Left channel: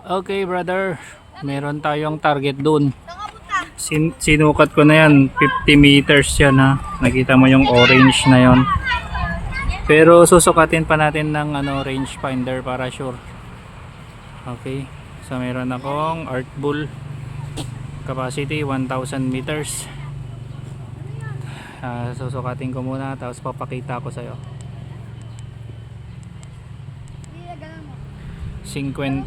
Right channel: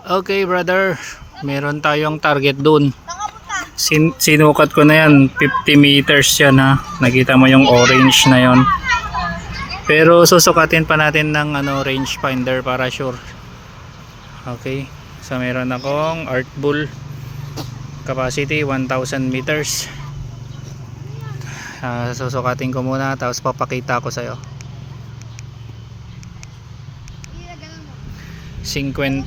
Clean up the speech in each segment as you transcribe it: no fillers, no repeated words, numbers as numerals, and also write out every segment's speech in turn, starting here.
Okay brother, meron tayong target dun. Sinukat ko na yan, 50 meters yan ha. Nakita mo yung orange na yon. Pero susukatin pa natin ng range finder para sure. Okay, so meron akong art bull, capacity 1000 meters. Susukatin ko muna tapos papakita ko sa'yo. 50.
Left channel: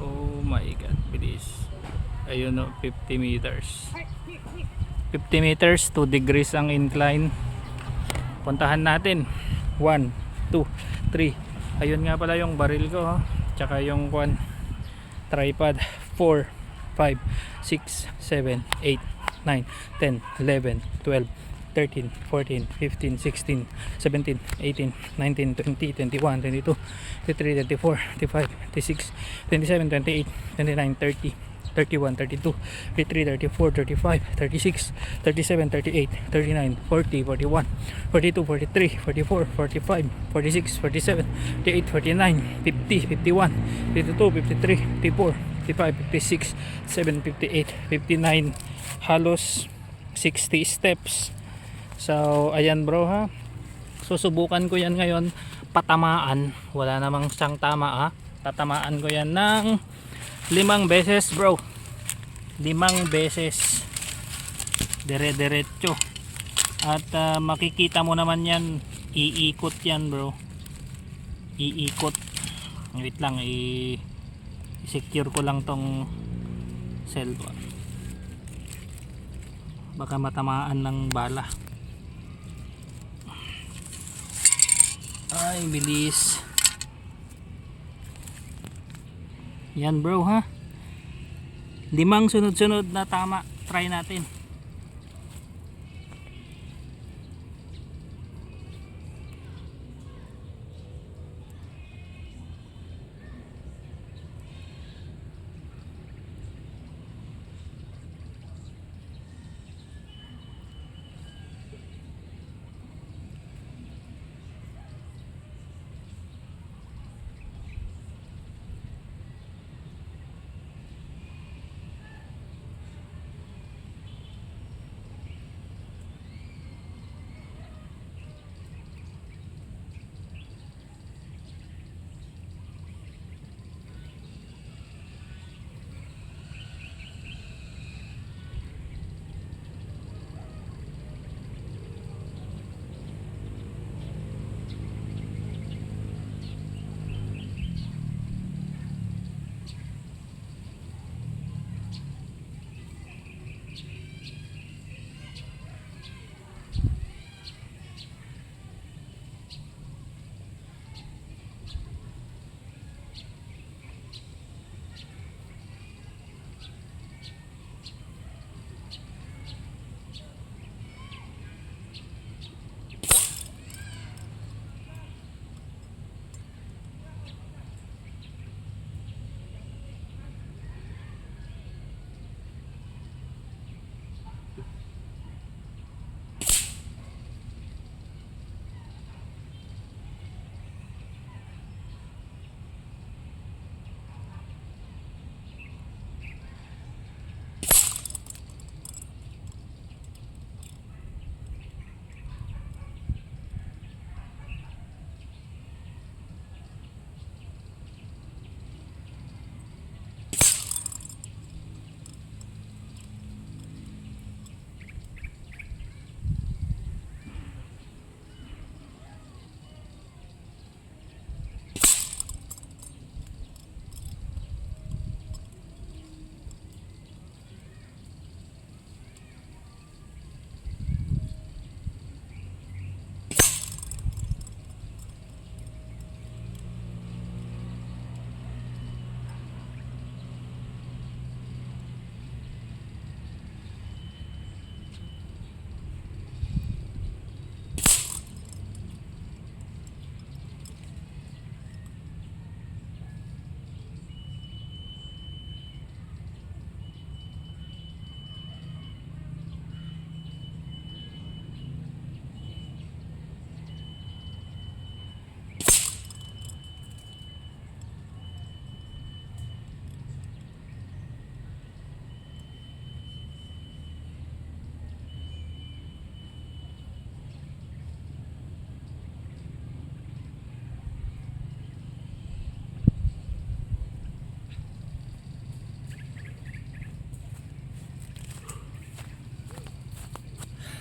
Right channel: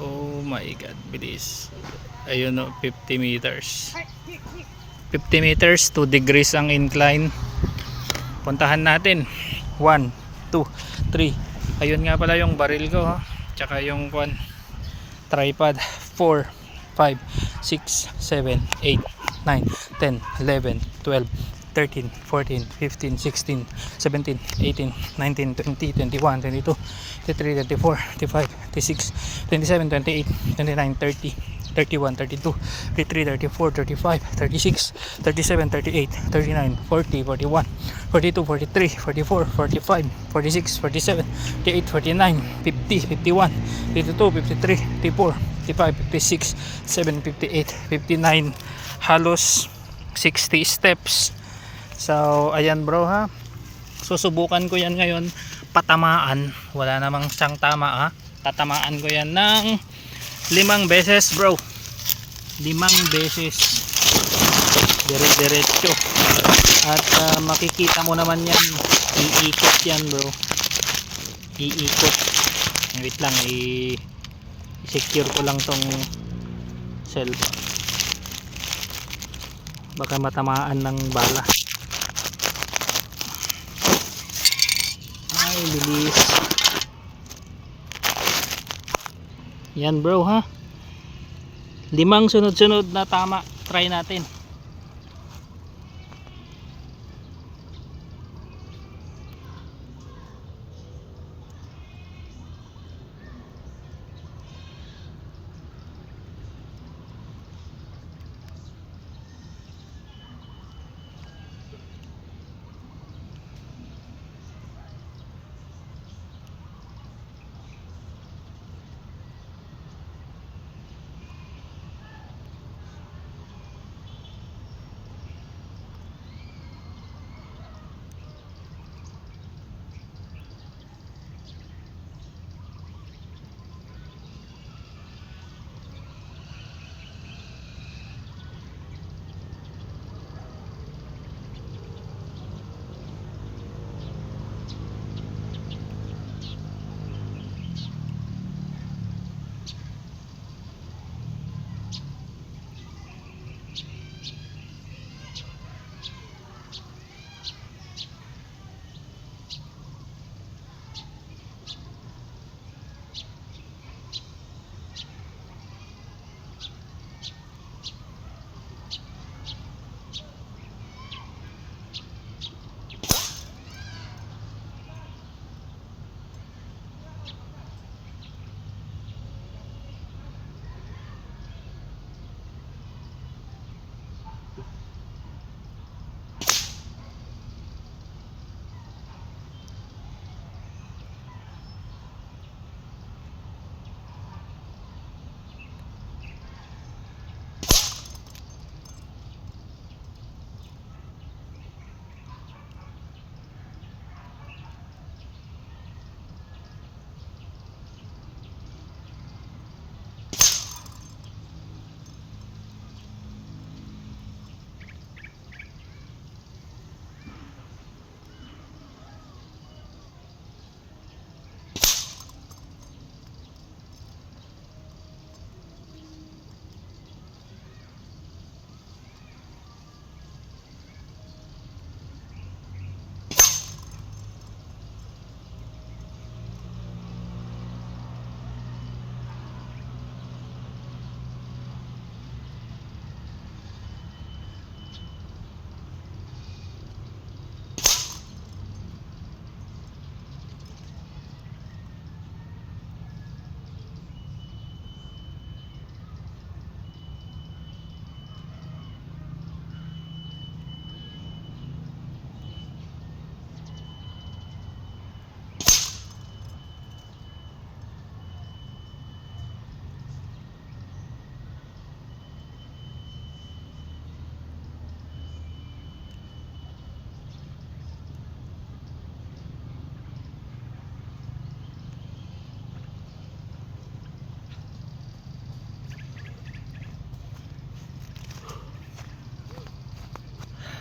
Oh my god, bilis. Ayun o, 50 meters. 50 meters, 2 degrees ang incline. Puntahan natin. 1, 2, 3. Ayun nga pala yung baril ko ha. Tsaka yung tripod. 4, 5, 6, 7, 8, 9, 10, 11, 12, 13, 14, 15, 16, 17, 18, 19, 20, 21, 22, 23, 24, 25, 26, 27, 28, 29, 30, 31, 32, 33, 34, 35, 36, 37, 38, 39, 40, 41, 42, 43, 44, 45, 46, 47, 48, 49, 50, 51, 52, 53, 54, 55, 56, 7, 58, 59, halos 60 steps. So ayan bro ha, susubukan ko yan ngayon patamaan, wala namang siyang tama ha. Tatamaan ko yan ng 5 beses bro, 5 beses dire-diretso. At makikita mo naman yan, iikot yan bro, iikot. Wait lang, i-secure ko lang tong cellphone, baka matamaan ng bala. Ay bilis yan bro ha, 5 sunod-sunod na tama. Try natin.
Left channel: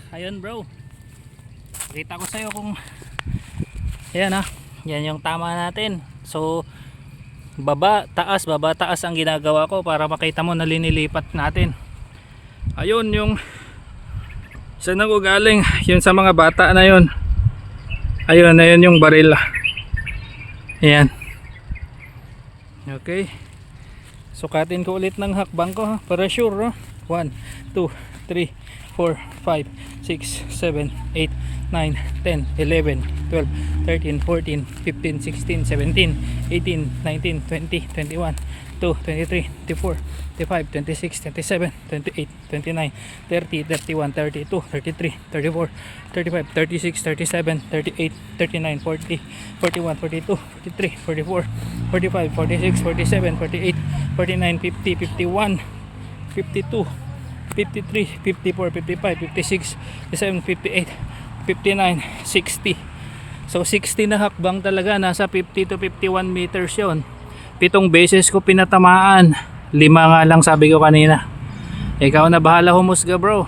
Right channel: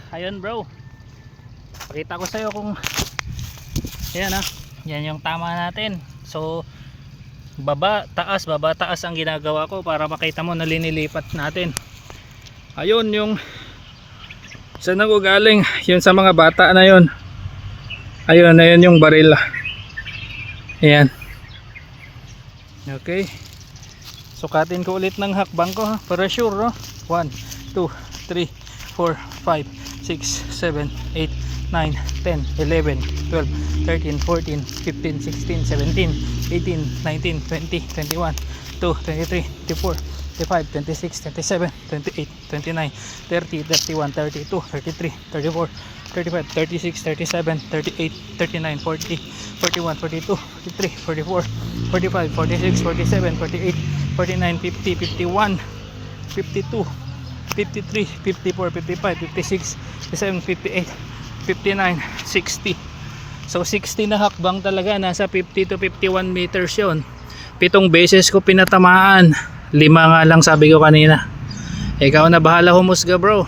ayun bro, pakita ko sa'yo kung ayan ha, yan yung tama natin. So baba taas ang ginagawa ko para makita mo na linilipat natin. Ayun yung saan ako galing, yun sa mga bata na yun. Ayun, ayun yung baril. Ayan. Okay, sukatin ko ulit ng hakbang ko ha, para sure no? 1, 2, 3, 4, 5, 6, 7, 8, 9, 10, 11, 12, 13, 14, 15, 16, 17, 18, 19, 20, 21, 22, 23, 24, 25, 26, 27, 28, 29, 30, 31, 32, 33, 34, 35, 36, 37, 38, 39, 40, 41, 42, 43, 44, 45, 46, 47, 48, 49, 50, 51, 52, 53, 54, 55, 56, 57, 58, 59, 60. So 60 na hakbang talaga, nasa 50 to 51 meters yon. 7 beses ko pinatamaan, 5 nga lang sabi ko kanina. Ikaw na bahala humusga bro.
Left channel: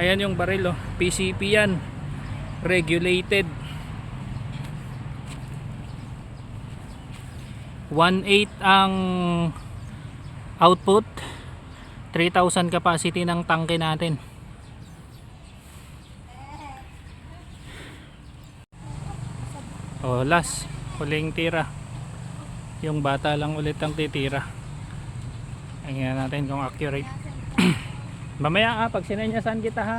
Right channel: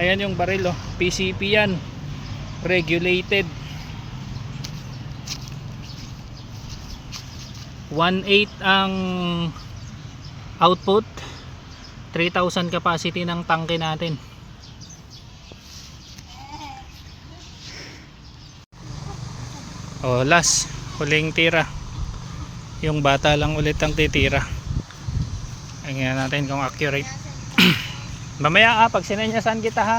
Ayan yung baril oh, PCP yan, regulated. 1.8 ang output, 3,000 capacity ng tangke natin. Oh, last, huling tira. Yung bata lang ulit ang titira. Tingnan natin kung accurate. Mamaya pag sinenyasan kita ha,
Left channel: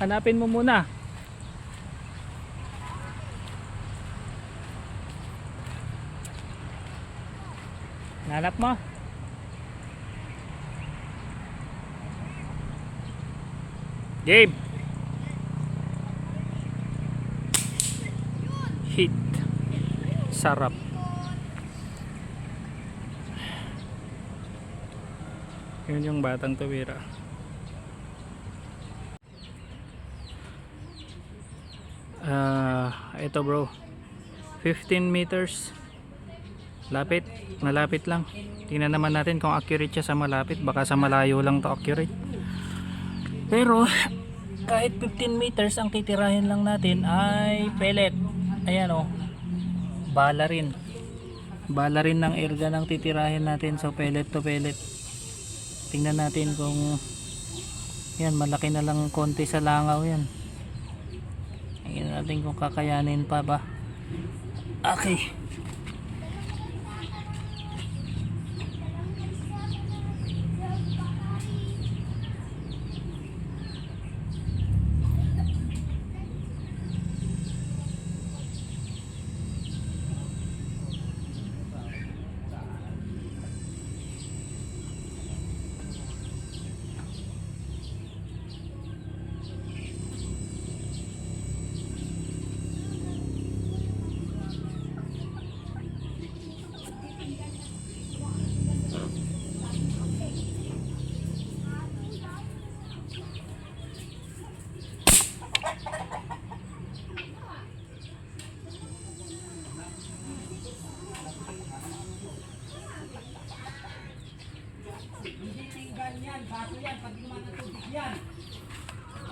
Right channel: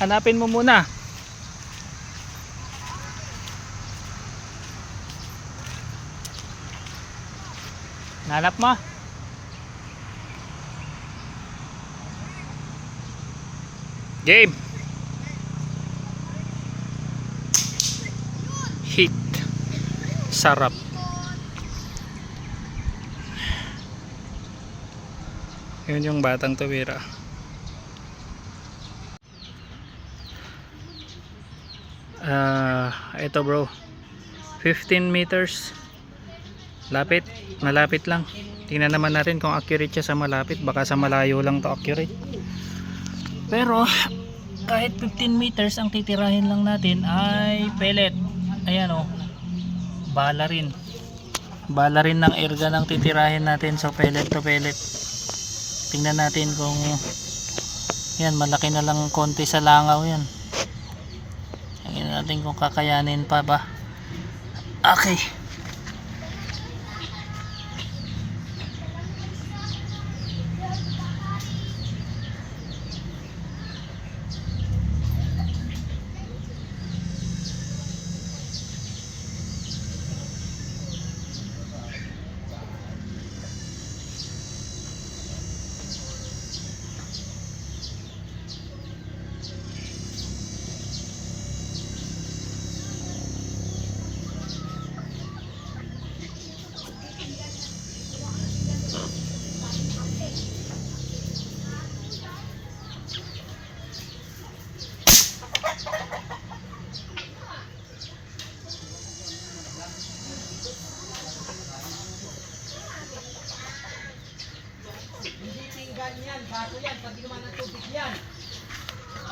hanapin mo muna. Nanap mo? Game. Hit. Sarap. Yun yung batang tuwira. Ito bro, 15 meters. Lapit, malapit lang. Tingnan naman natin kung accurate siya sa malapit. Baka sa malayo lang to accurate. Pero kahit 15 meters ang titirahin lang natin ay pellet. Ayan o, bala rin. Bala rin ng airgun ang titirahin natin. So pellet to pellet. Tingnan natin kung yan, malaki na lang konti sa langaw yan. Tingnan natin kung kakayanin pa ba. Okay.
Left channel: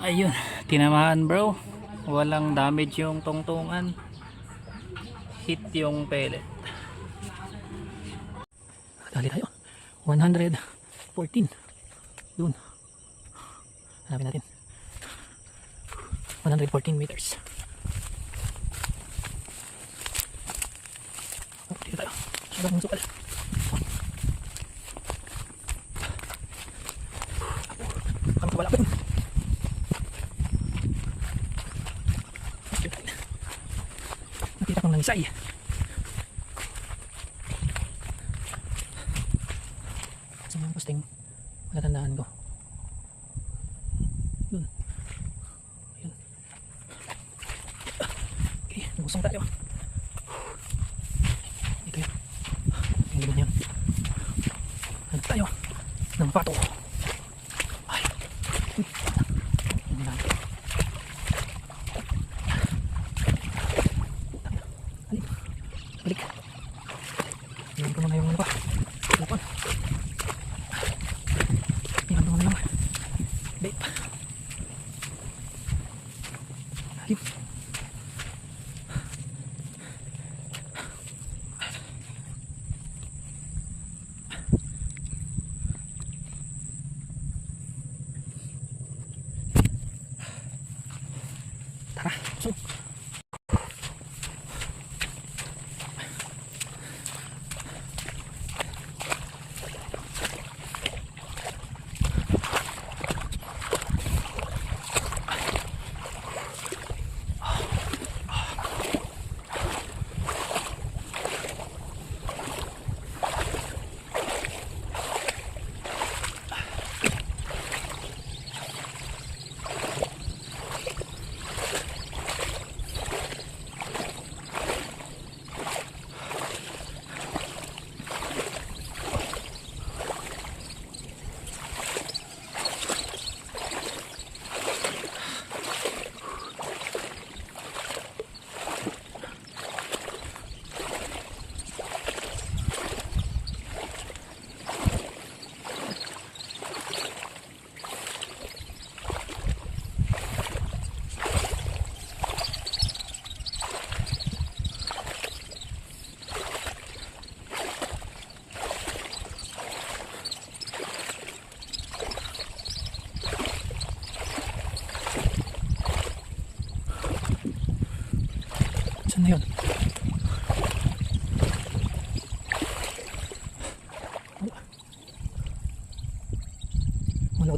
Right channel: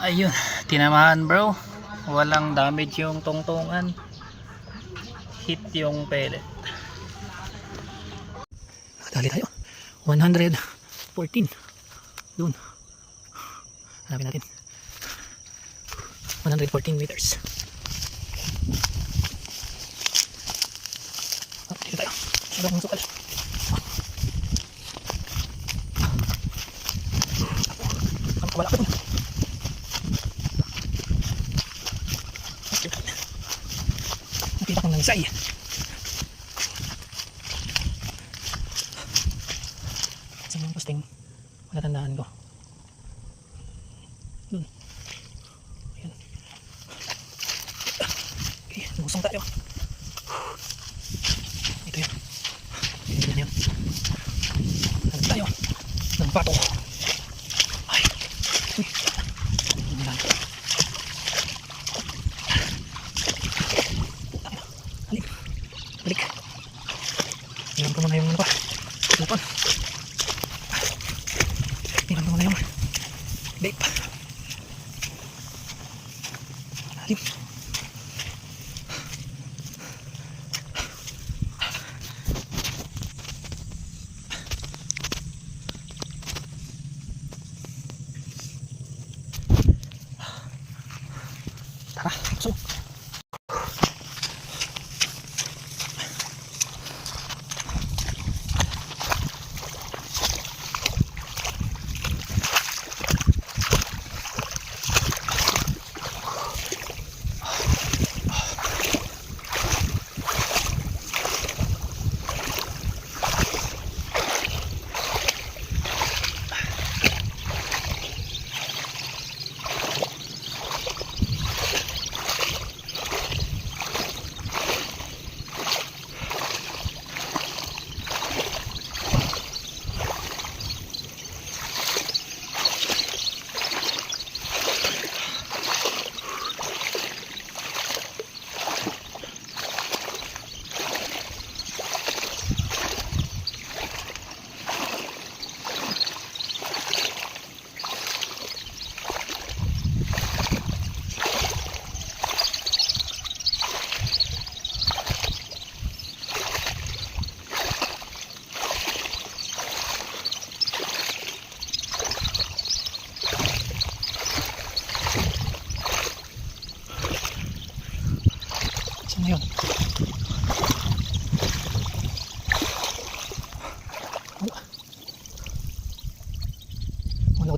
Ayun, tinamaan bro. Walang damage yung tungtungan. Hit yung pellet. Dali tayo. 114. Doon. Hanapin natin. 114 meters. Oh, dito tayo. Masyado akong sukal. Ang wala ko. Nakita kong nangsay. Saan yung posting? Matatandaan ko. Ayun. Okay, lusong tayo. Ito yun. Tingnan yun. Hanap tayo ng pato. Ay. Uy. Ang lalim. Halim. Balik. Iwan ko muna yung ano pa. Lupon. Iwan ko muna yung vape.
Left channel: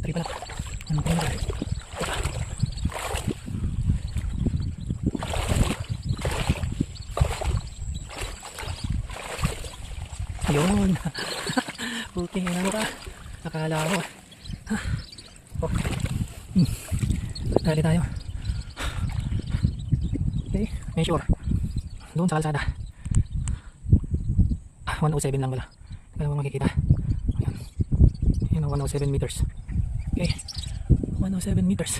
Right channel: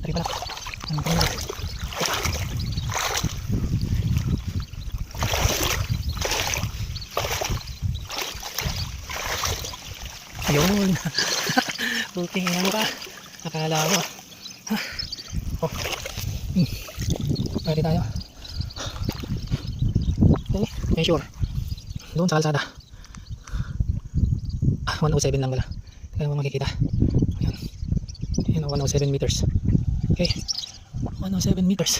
battery pala. Ang printer. Yun. Okay, ano ka? Nakakala ko. Oh. Dali tayo. Okay, measure. Doon sa kalsada. 107 lang pala. Hindi naman makikita. Ayan. Ayan, 107 meters. Okay. 107 meters.